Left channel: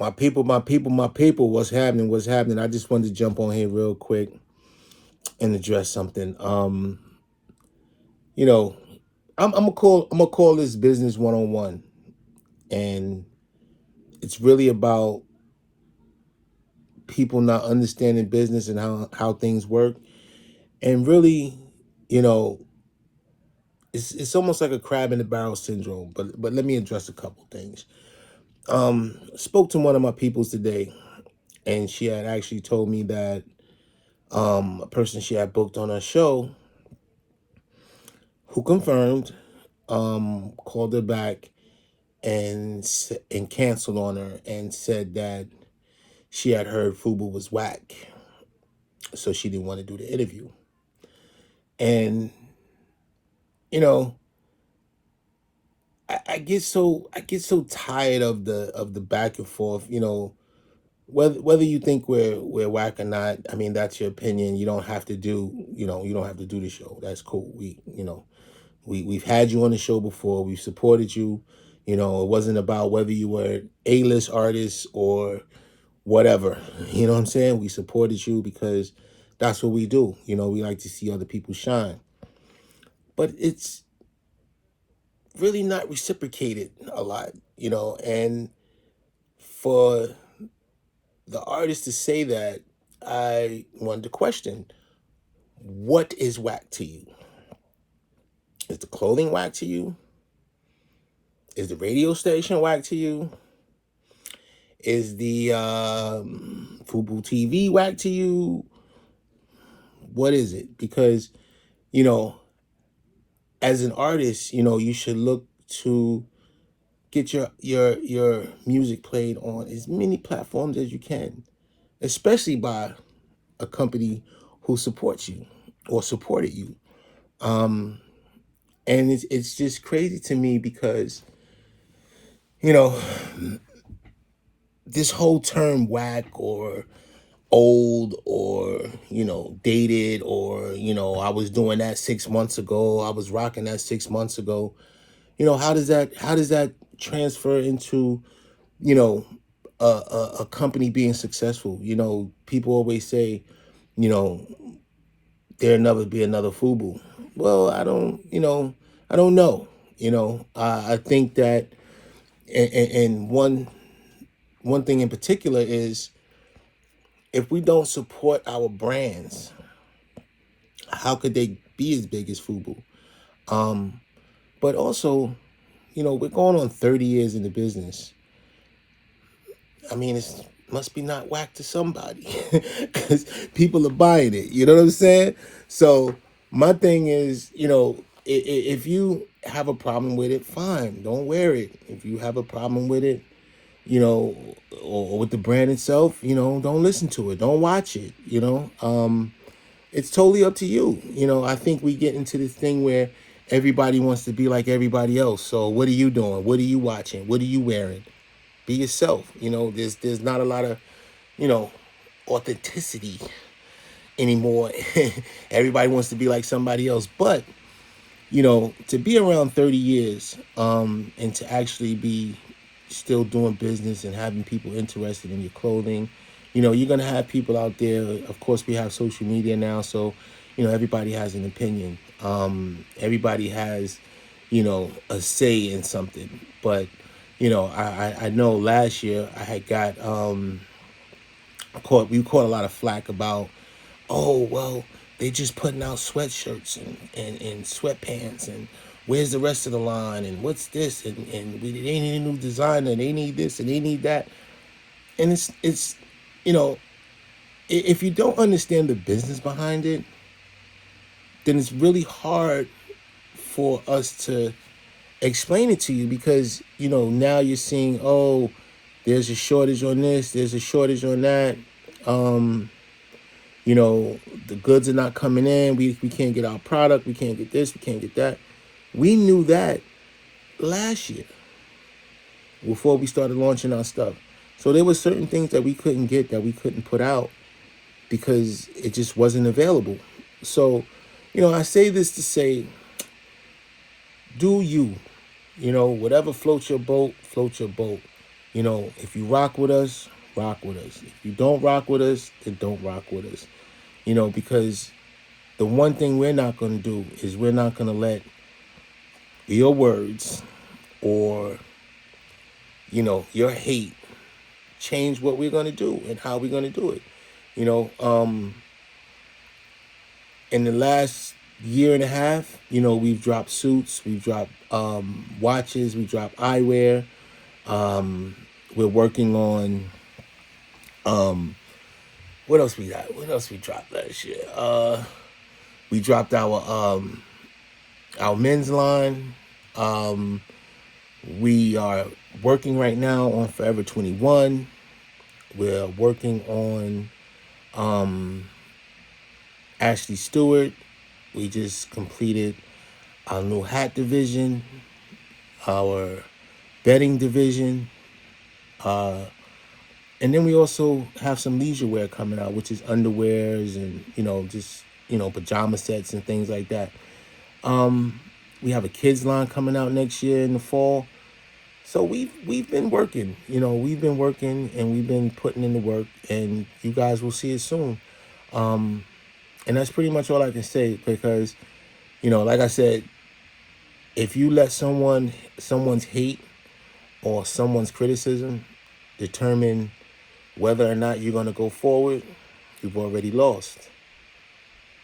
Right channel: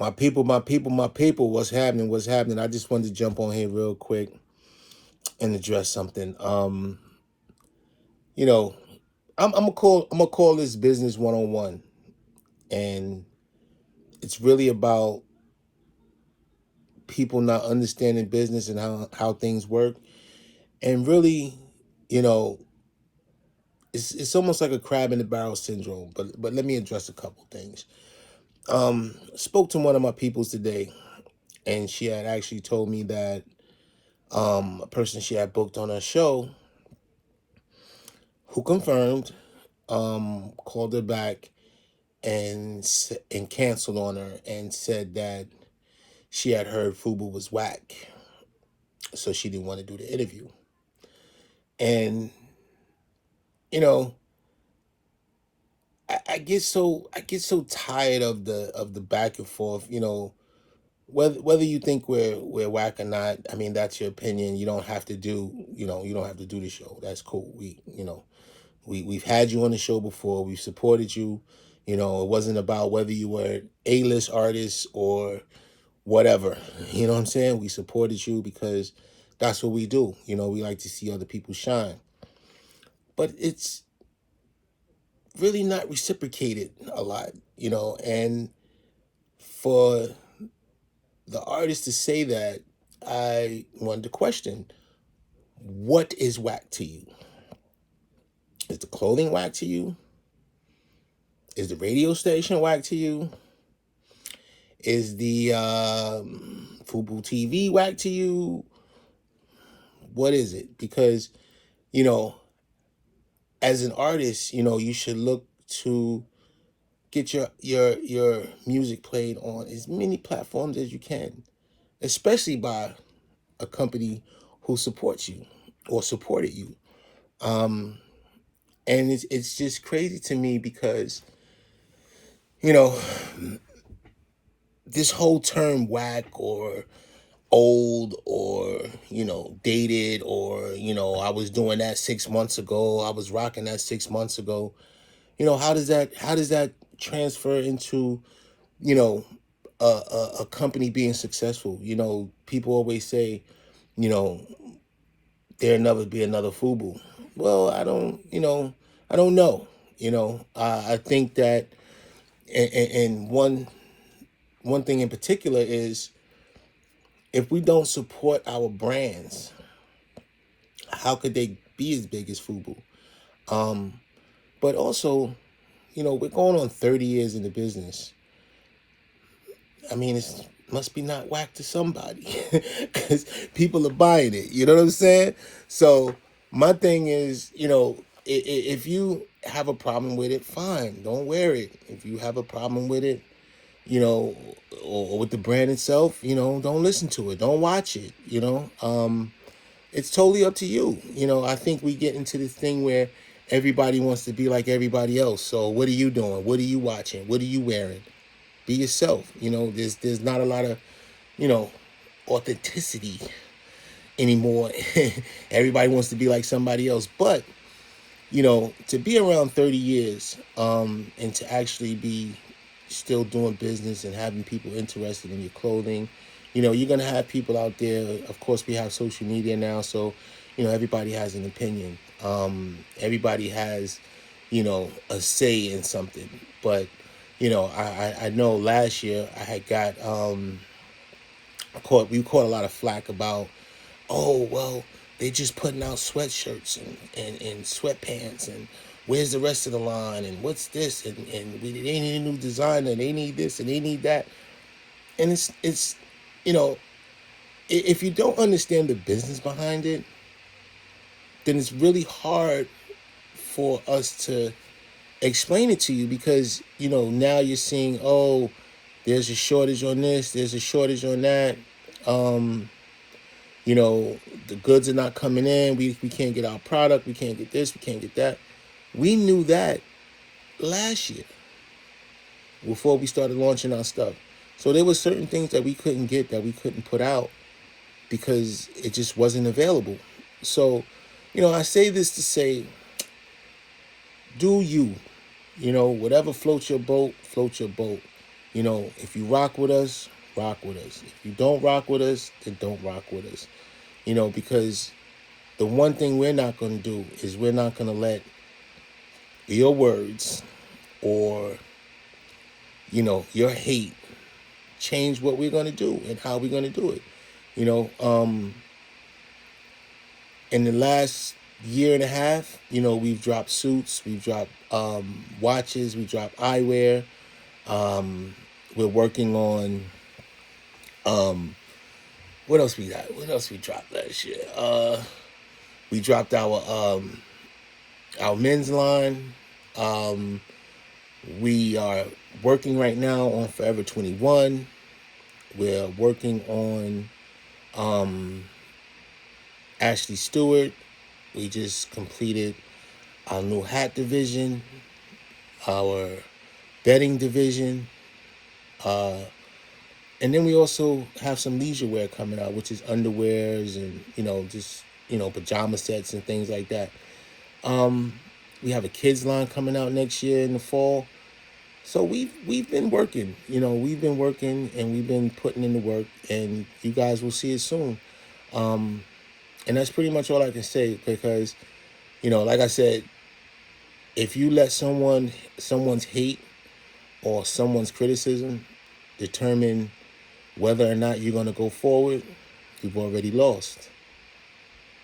My people, what's happening? What's happening? I just wanted to jump on here real quick and address something. You know, I'm gonna call this business 101, and it's really about people not understanding business and how things work. And really, you know, it's almost like a crab in the barrel syndrome. But let me address a couple things. Spoke to one of my peoples today, and she had actually told me that a person she had booked on her show, who confirmed, called her back and canceled on her and said that she had heard Fubu was whack, so she didn't want to do the interview. And you know, I get so tired of the back and forth. Whether you think we're whack or not. I mean, that's your opinion. You don't have to do the show. That's cool. We've had you on the show before. We've supported you. It wasn't about whether you were A-list artists or whatever. You know what I'm saying? We supported you because that's what we do. We like to see other people shine. But it's really not reciprocated a lot, and for the artist to say that, I wanted to question, what is whack to you? Is the clothing whack to you? Is the radio station whack to you? Is the Fubu TV whack to you? What is it? Because, you know, as an artist, you should look to get your music played on as many platforms as you can, especially by a company who supports you or supported you. And it's just crazy to me because, you know, this whole term whack or old or, dated or, I was doing that 6 months ago, I was rocking that 6 months ago. How does that transfer into, you know, a company being successful? People always say, you know, there'll never be another Fubu. Well, I don't know. I think that, and one thing in particular is, if we don't support our brands, how could they be as big as Fubu? But also, we're going on 30 years in the business. I mean, it must be not whack to somebody because people are buying it. You know what I'm saying? So my thing is, if you have a problem with it, fine, don't wear it. If you have a problem with it, you know, or with the brand itself, don't listen to it, don't watch it. It's totally up to you. I think we get into this thing where everybody wants to be like everybody else. So what are you doing? What are you watching? What are you wearing? Be yourself. There's not a lot of, you know, authenticity anymore. Everybody wants to be like somebody else. But, to be around 30 years, and to actually be still doing business and having people interested in your clothing, you're going to have people out there. Of course, we have social media now. So, everybody has an opinion. Everybody has, a say in something. But, I know last year I had got, we caught a lot of flack about, oh, well, they just putting out sweatshirts and sweatpants, and where's the rest of the line, and what's this, and they need a new designer, they need this and they need that. And it's if you don't understand the business behind it, then it's really hard for us to explain it to you, because now you're seeing, oh, there's a shortage on this, there's a shortage on that. The goods are not coming in. We can't get our product. We can't get this. We can't get that. We knew that last year before we started launching our stuff. So there were certain things that we couldn't get, that we couldn't put out, because it just wasn't available. So, I say this to say, do you, whatever floats your boat, float your boat. You know, if you rock with us, rock with us. If you don't rock with us, then don't rock with us. You know, because the one thing we're not going to do is we're not going to let your words or, you know, your hate change what we're going to do and how we're going to do it. You know, in the last year and a half, you know, we've dropped suits, we've dropped watches, we dropped eyewear. We're working on what else we got? What else we dropped last year? We dropped our men's line. We are working right now on Forever 21. We're working on Ashley Stewart. We just completed our new hat division, our bedding division, and then we also have some leisure wear coming out, which is underwears and, you know, just, you know, pajama sets and things like that. We have a kids line coming out next year in the fall. So we've been working, you know, we've been working and we've been putting in the work, and you guys will see it soon. And that's pretty much all I can say, because, you know, like I said, if you let someone's hate or someone's criticism determine whether or not you're going to go forward, you've already lost.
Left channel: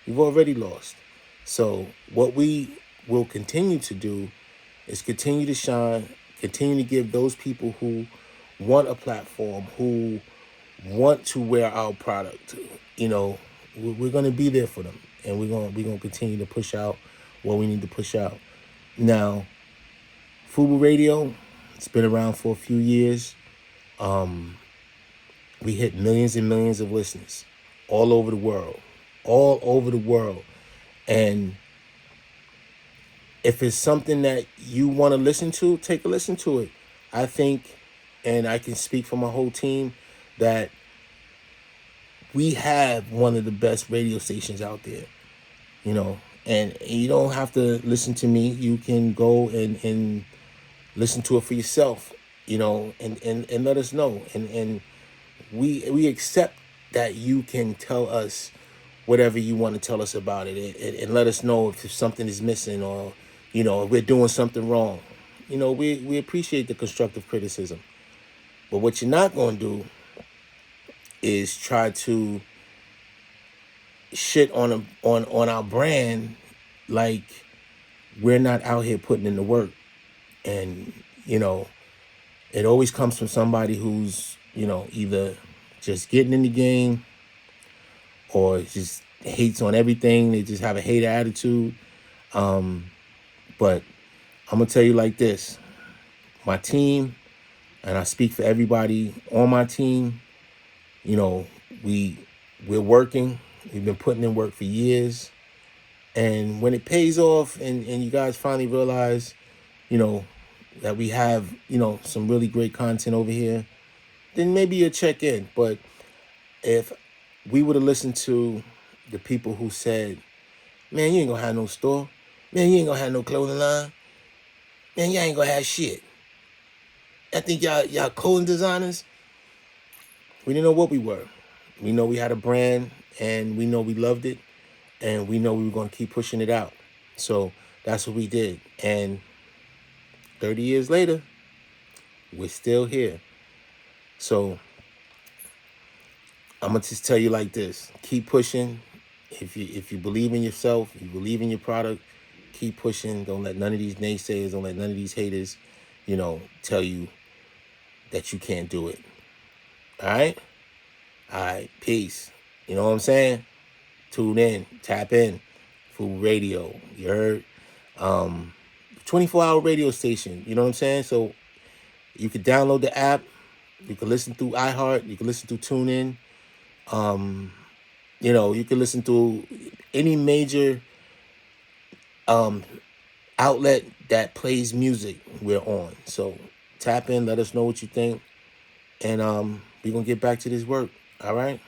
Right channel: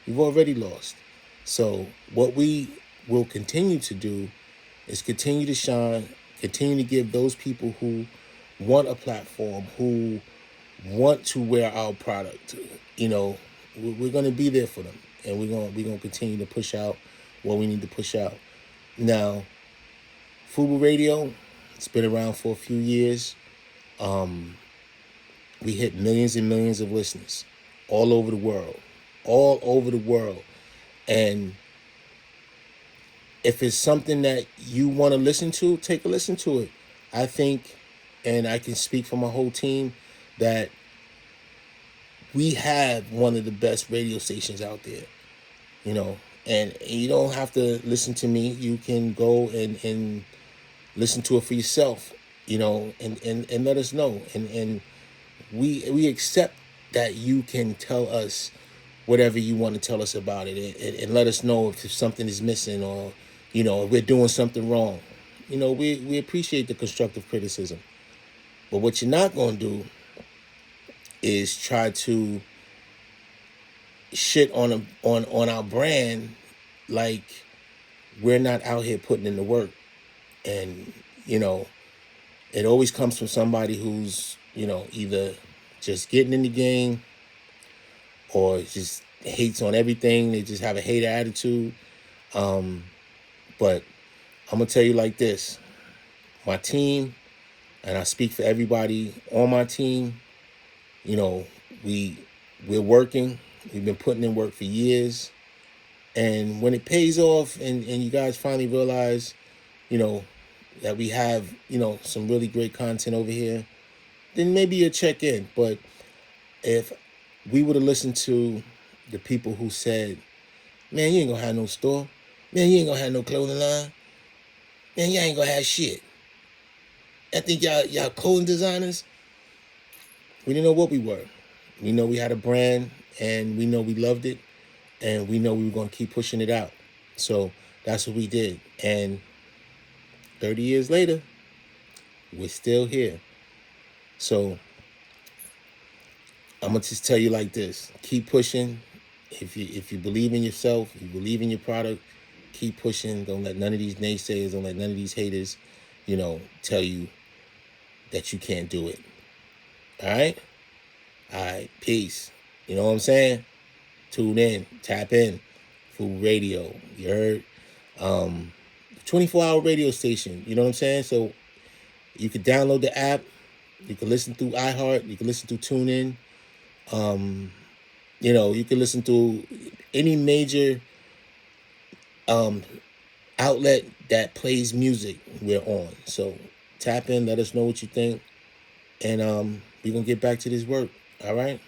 You've already lost. So what we will continue to do is continue to shine, continue to give those people who want a platform, who want to wear our product, you know, we're going to be there for them, and we're going to continue to push out what we need to push out. Now, Fubu Radio, it's been around for a few years. We hit millions and millions of listeners all over the world, And if it's something that you want to listen to, take a listen to it. I think, and I can speak for my whole team, that we have one of the best radio stations out there, you know, and you don't have to listen to me. You can go and listen to it for yourself, you know, and let us know. And we accept that you can tell us whatever you want to tell us about it, and let us know if something is missing, or, you know, if we're doing something wrong. You know, we appreciate the constructive criticism. But what you're not going to do is try to shit on our brand like we're not out here putting in the work. And, you know, it always comes from somebody who's, you know, either just getting in the game or just hates on everything. They just have a hater attitude. But I'm gonna tell you like this: my team, and I speak for everybody on my team, you know, we're working. We've been putting in work for years, and when it pays off, and you guys finally realize, you know, that we have, you know, some really great content over here, then maybe you'll check in. But if we would have listened to the people who said, man, you ain't gonna have no store, man, you ain't gonna have no clothing line, man, you ain't gonna have shit, I think y'all clothing designers, we didn't know what we were. We know we had a brand, and we know we loved it, and we know we were going to keep pushing it out. So that's what we did. And 30 years later, we're still here. So I'm going to just tell you like this: keep pushing. If you believe in yourself, you believe in your product, keep pushing. Don't let none of these naysayers, don't let none of these haters, you know, tell you that you can't do it. All right? All right, peace. You know what I'm saying? Tune in, tap in. Fubu Radio, you heard? 24-hour radio station, you know what I'm saying? So you can download the app. You can listen through iHeart. You can listen through TuneIn. You know, you can listen to any major outlet that plays music, we're on. So tap in, let us know what you think, and we're going to get back to this work. All right?